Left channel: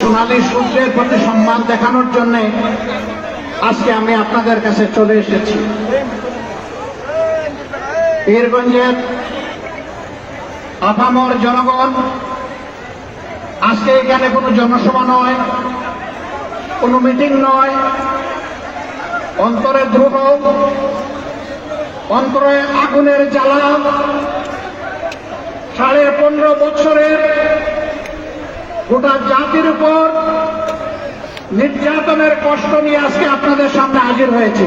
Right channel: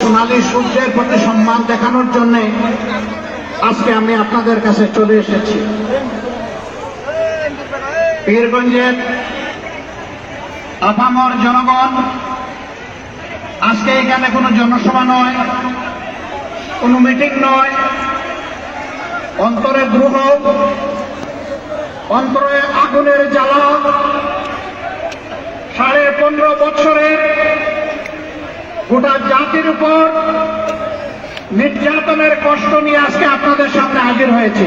সোনালী সূর্যের প্রতি সম্মান দেখানোর জন্য আজকে আমি আপনাদের কাছে চলে এসেছি। পীরগঞ্জের আপামর জনগণ, আজকে এখানে কোনো জনসভা নয়, কোনো মিটিং নয়, অন্তরে দ্রোহ, অন্তরে আগুনের জ্বালা, 15.5 বছরের গোটা জাতির উপর নির্যাতনের কষ্ট নিয়ে আজকে আপনাদের সামনে হাজির হয়েছি।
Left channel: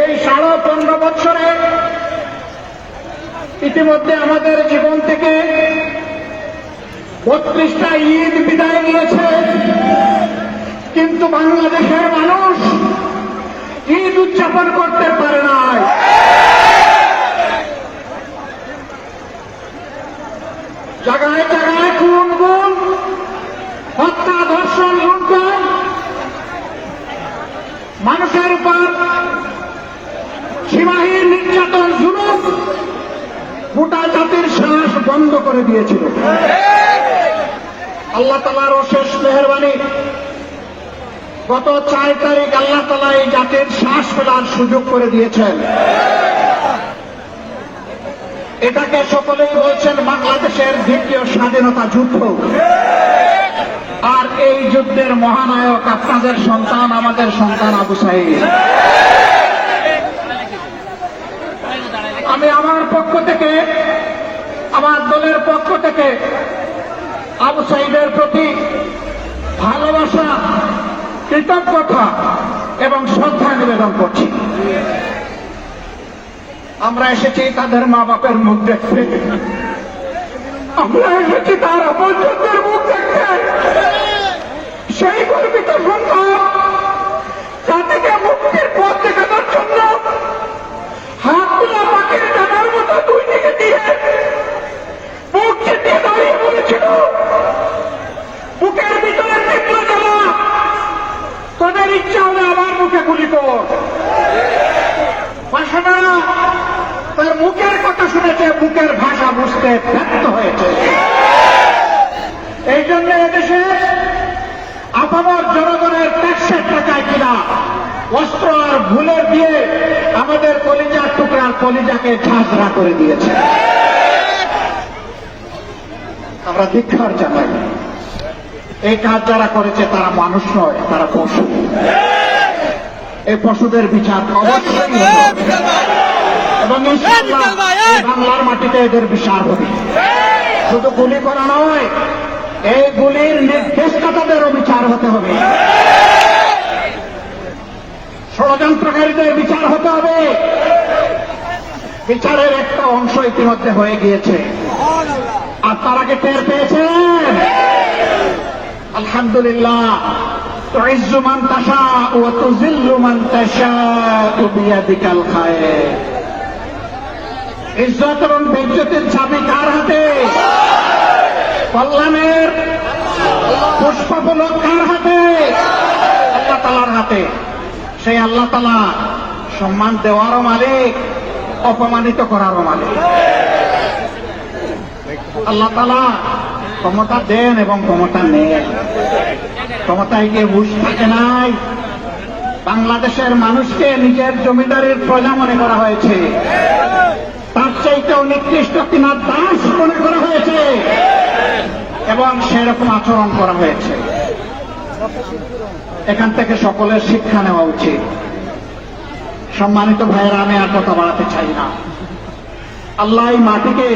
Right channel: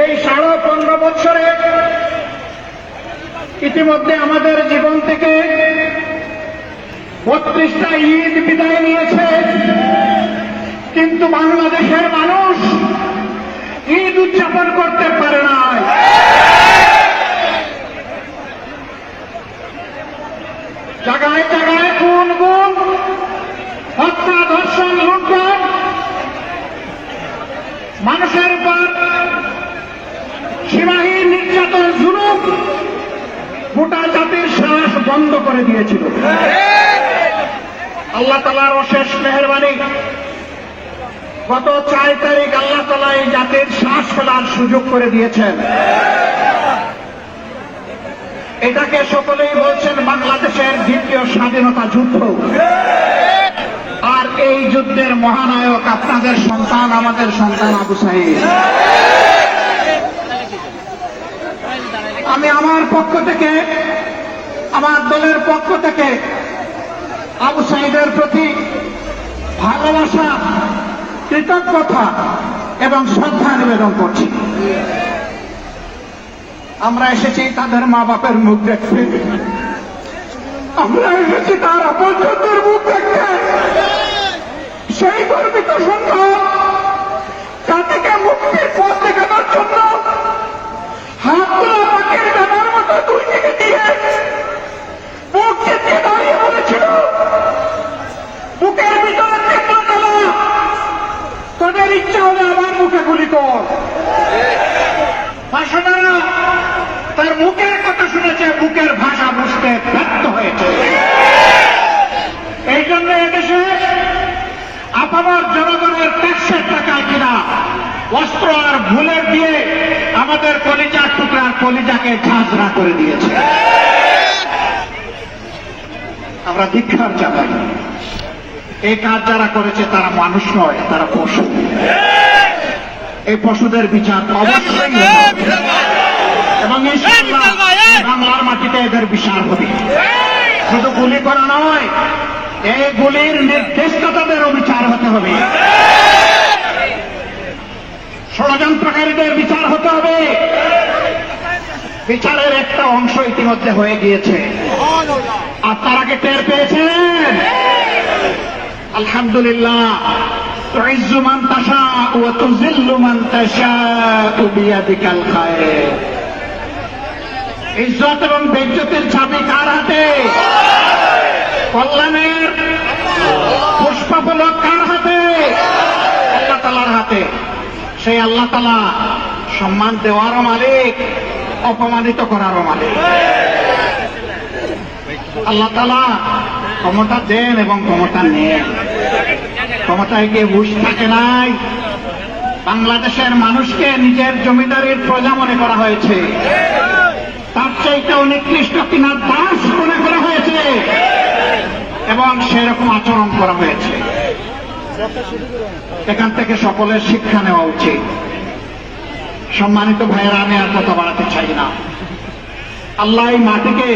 এই 15.5 বছরে ইতিমধ্যে আমাদের জীবন থেকে 32টা ঈদ বিদায় নিয়েছে, কিন্তু বাংলাদেশের মানুষ ঈদ উদযাপন করতে পারে না। জায়গায় জায়গায় খুন গুম, হত্যা, ধর্ষণ, লুণ্ঠন, মানুষের উপর সীমাহীন নির্যাতন, জুলুম গোটা জাতির শ্বাস বন্ধ করে দিয়েছিল। আল্লাহ তাআলার অশেষ মেহেরবানি, গত 4 তারিখ আল্লাহ তাআলা এই জাতির শ্বাস ফেলার সুযোগ করে দিয়েছেন। এটাকে সকলেই বলছেন বাংলাদেশের দ্বিতীয় স্বাধীনতা যুদ্ধ। আর এই যুদ্ধের মহানায়ক আপনাদের সন্তান, আমাদের সন্তান আবু সাঈদ। আমি আমার পক্ষ থেকে, আমার দলের পক্ষ থেকে আবু সাঈদের প্রতি ভালোবাসা, কৃতজ্ঞতা এবং শ্রদ্ধা নিবেদন করছি। আমরা এসেছি তাদের মা বাপের মুখ দেখতে, আমরা এসেছি তার আপনজনদের মুখ দেখতে। সেই গর্বিত সন্তান জাতিকে মুক্তির পথ দেখানোর জন্য হাতটা পাখির কাটার মতো দুই দিকে দিয়ে বুক চেপে দাঁড়িয়ে বলেছিল, বুকের ভিতরে তীব্র জ্বালা, তোদের ইচ্ছা হবে আমার মুখে গুলি কর। ভাষণরা তার মুখের কথা শুনেছে, বুকের ভাষা বুঝতে ব্যর্থ হয়েছে। এই জন্য এদেশে আপামর জনগণের ট্যাক্সের টাকায় কিনা অস্ত্র আর ভুলের দিয়ে আমাদের কলিজার টুকরার কলিজাকে ঝাঁঝরা করে দিয়েছে। আমরা ধিক্কার জানাই। এই কাজ যারা করেছে তারা মানুষ নয়, তারা পশু। এই পশুদের বিচার অবশ্যই হবে এবং ইনশাআল্লাহ বাংলার মাটিতে এদের বিচার হবে। শুধু গুলি করা নয়, এই গুলির নির্দেশদাতাদেরও বিচার হতে হবে, ষড়যন্ত্রকারীদের বিচার হতে হবে। বিচারের একটা অংশ ইতিমধ্যে হয়ে গিয়েছে, আর তার আগে টের পেয়েছেন। আলহামদুলিল্লাহ। تعز من تشاء وتذل من تشاء بيدك الخير। ইজ্জত এবং বেইজ্জতের চাবি কার হাতে? কল্যাণের পুষ্পফলক কার হাতে? আল্লাহ তাআলার হাতে। সেই আল্লাহ তাআলা সম্মান দেওয়ারও মালিক, অপমানিত করারও মালিক। আল্লাহ তাআলা ক্ষমতা দেন এবং ক্ষমতা নেন। ক্ষমতায় কে বুঝ থাকে নাই। বাংলাদেশের মানুষকে নিজের জমিদারির প্রজা মনে করা হয়েছে, তার চাইতেও নিকৃষ্ট কিনা দাস মনে করা হয়েছে এবং সেরকম আচরণ করা হয়েছে। এখান থেকে সকলের শিক্ষা নেওয়া উচিত। সম্মানিত ভাইয়েরা, আমি আর কথা বাড়াতে চাই না। আল্লাহ এই মাটিকে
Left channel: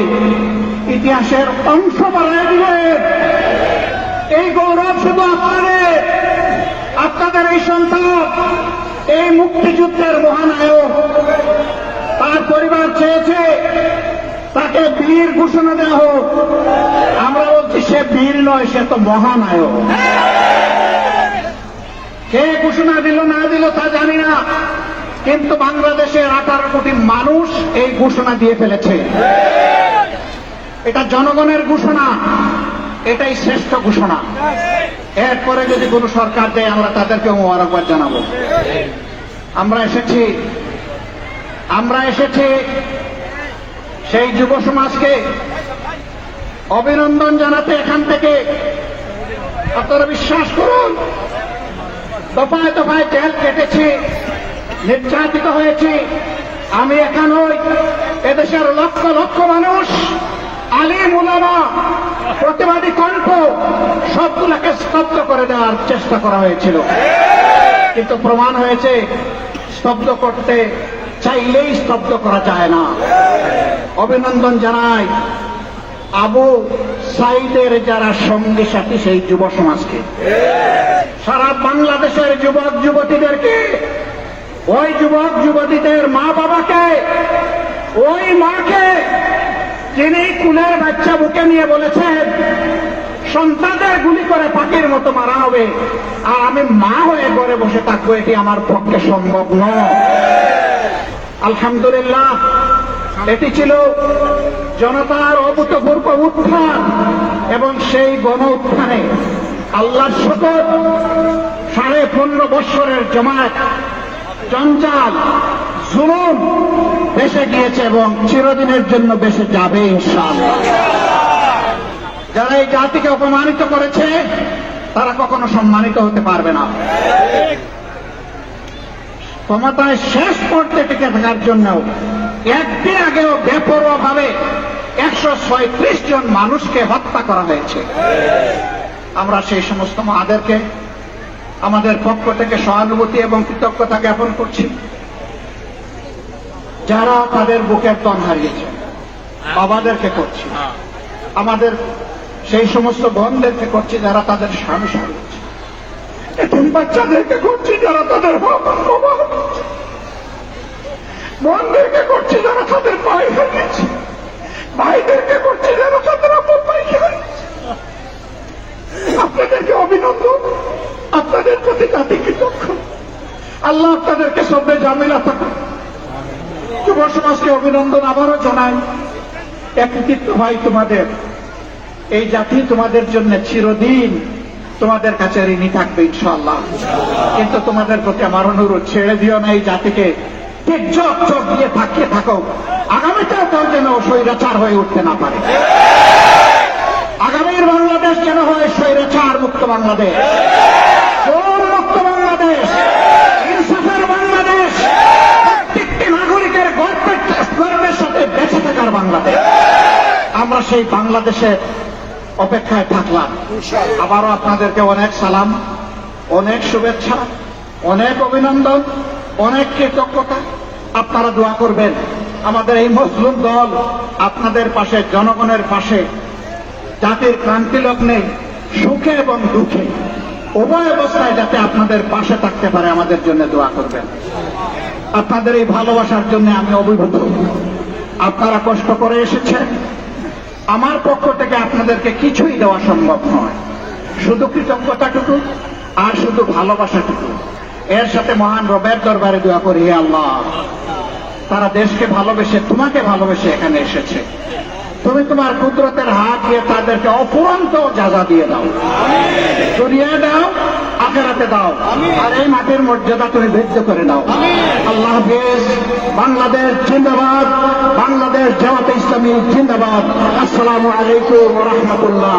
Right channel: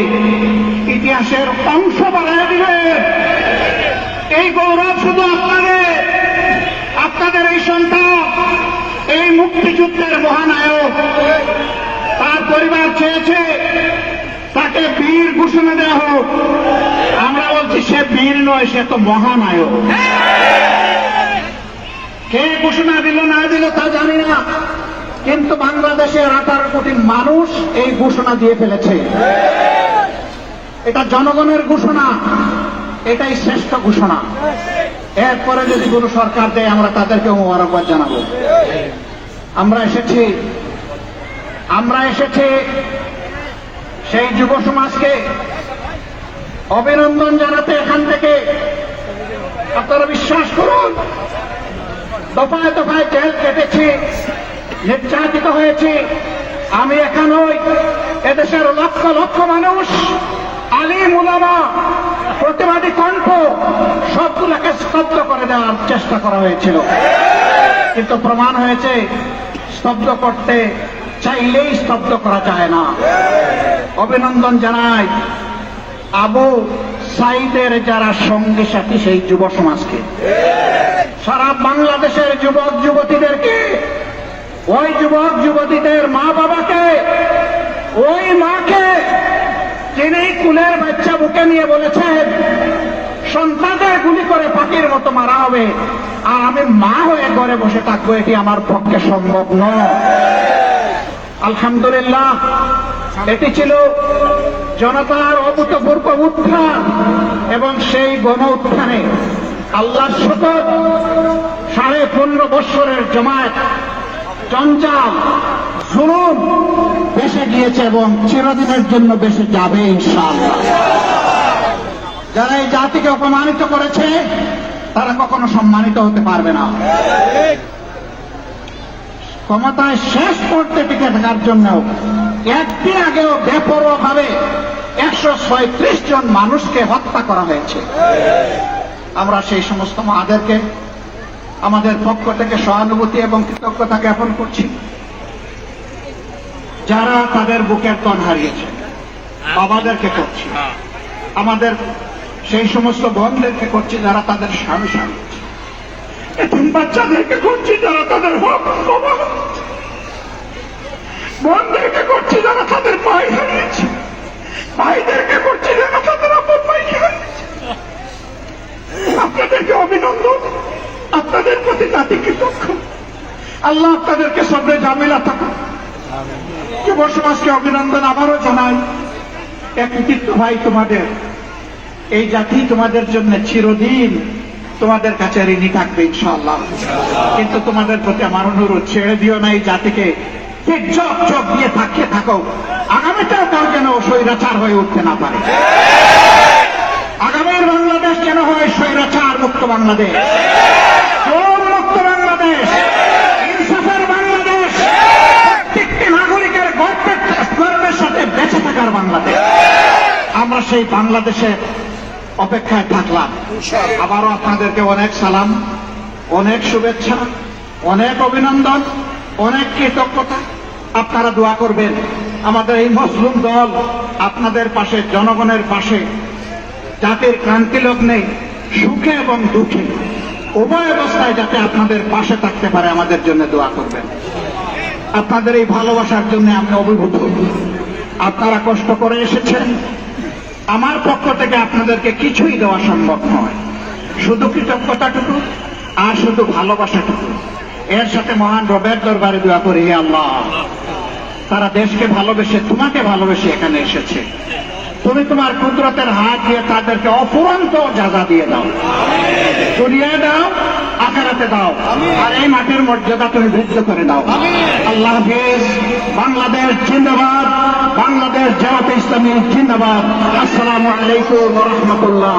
ইতিহাসের অংশ বানায় দিলেন। এই গৌরব শুধু আপনাদের এই সন্তান, এই মুক্তিযুদ্ধের মহানায়ক, তার পরিবার চেয়েছে তাকে বীর ঘোষণা দেওয়া হোক। আমরা বলছি সে বীর নয়, সে তো মহানায়ক। কে ঘোষণা দিল না দিল তা জানি না, কিন্তু বাংলাদেশের 18 কোটি মানুষ এই ঘোষণা দিয়ে ফেলেছে। এটা জনগণের ঘোষণা, এটাই শ্রেষ্ঠ ঘোষণা। এরপরে যদি কোন সরকার দেয় আমরা তাদেরকে মোবারকবাদ জানাবো। আমরা এসেছি সেই যুব সমাজকে অভিনন্দন জানাতে এখান থেকে আপনারা বিশ্বাস করুন, দফায় দফায় জেল কেটেছি, নির্যাতিত হয়েছি। আমি একা নই, এদেশের লক্ষ লক্ষ মানুষ, আলিম উলামা, প্রতিবাদী কণ্ঠ সবগুলোকে স্তব্ধ করে দেওয়ার চেষ্টা করা হয়েছিল, কিন্তু প্রমাণ হয়েছে স্তব্ধ করতে চাইলেই স্তব্ধ করা যায় না। অভিনন্দন জানাই আবু সাইদের যারা সঙ্গী সাথী সেই যুব সমাজকে, সারা বাংলাদেশের যুবক যুবতীদেরকে, ওই যুবক যুবতীদের মা বাবাকে, ওই মাকে যিনি কুলের বাচ্চা বুকে নিয়ে বলেছেন সন্তানদের গুলি করে পাখির মতো মারা হবে, আর আমি মা হয়ে ঘরে বসে থাকবো, এটি আমার পক্ষে সম্ভব নয়। আলহামদুলিল্লাহ, এটি ছিল জনতার অভূতপূর্ব উত্থান, এবং সেই গণ উত্থানে আল্লাহর শপথ 15.5 বৎসরের জমায়েত, জঞ্জাল, জুলুম বেঁচে গিয়েছে এবং চিরদিনের জন্য বেঁচে যাবে ইনশাআল্লাহ। যারা এই জাতিকে অপমানিত করেছে তারা কখনো সম্মানিত হতে পারবে না। ক্ষমতায় শেষ করতে টিকে থাকার জন্য একদিন আগেও বেপরোয়া ভাবে 136 জন মানুষকে হত্যা করা হয়েছে। আমরা সেই সমস্ত মাদেরকে আমাদের পক্ষ থেকে সহানুভূতি এবং কৃতজ্ঞতা জ্ঞাপন করছি, যারা তাদের বুকের তন হারিয়েছে। বাবাদেরকে করছি, আমাদের সেই সমস্ত বোনদেরকে করছি যারা তাদের স্বামী হারিয়েছে, এতিম বাচ্চাদেরকে করছি যারা তাদের বোনদেরকে করছি যারা তাদের ভাই হারিয়েছে, ভাইদেরকে করছি যারা তাদের আপন ভাইকে হারিয়েছে। আপনাদেরকে অভিনন্দন, আপনাদের প্রতি জাতি কৃতজ্ঞ। আল্লাহ আপনাদেরকে সবরে জামিলা থাকুন। যুব সমাজকে অভিনন্দন আবারও জানাই। একৃতিত্ব ভাই তোমাদের, এই জাতি তোমাদের জন্য চিরদিন তোমাদের কাছে ঋণী থাকবে ইনশাআল্লাহ। কিন্তু তোমাদের প্রতি আমার অনুরোধ, ছেড়ে দিও না এই জাতিকে, ঠিক চোখ চোখ দিয়ে থাকিয়ে থাকো। আগামীতেও তার যেন স্বৈরাচার হয়ে উঠতে না পারে। আগামীর বাংলাদেশ যেন হয় স্বৈরাচার মুক্ত বাংলাদেশ, জুলুম মুক্ত বাংলাদেশ, ইনসাফের বাংলাদেশ, প্রত্যেকটি নাগরিকের গর্বের সাথে বেঁচে থাকার বাংলাদেশ। আমরা সেই বাংলাদেশের অপেক্ষায় থাকলাম। আবারও আপনাদেরকে অনেক সালাম, অনেক শুভেচ্ছা, অনেক অভিনন্দন, অনেক কৃতজ্ঞতা। আপনারা দোয়া করবেন আমাদের এই মজলুম দল আপনাদের পাশে, জনগণের পাশে, জাতির ক্রান্তি লগ্নে সুখে এবং দুঃখে উভয় অবস্থায় যাতে আপনাদের পাশে থাকতে পারে আমাদের জন্য দোয়া করবেন। আপনাদের এই ভালোবাসার জন্য আমি অভিভূত। আপনারা কষ্ট করে এসেছেন, আমার পক্ষ থেকে আপনাদেরকে কিছুই দেওয়া সম্ভব নয়, শুধু কৃতজ্ঞতাটুকু আর শুধু ভালোবাসাটুকু। এর সাথে মহান রবের দরবারে দোয়া করি, হে আল্লাহ, তারা দেশকে ভালোবেসে, তোমাকে ভালোবেসে এখানে এসেছে, তুমি তোমার কুদরতের হাত দিয়ে তাদেরকে অফুরন্ত জাযা দিয়ে দাও, দুনিয়ায় দাও, আখিরাতে দাও, আর এই মাটির মর্যাদা তুমি বৃদ্ধি করে দাও। আল্লাহ হাফেজ। বাংলাদেশ জিন্দাবাদ, বাংলাদেশ জামাতে ইসলামী জিন্দাবাদ। আসসালামু আলাইকুম ওয়া রাহমাতুল্লাহ।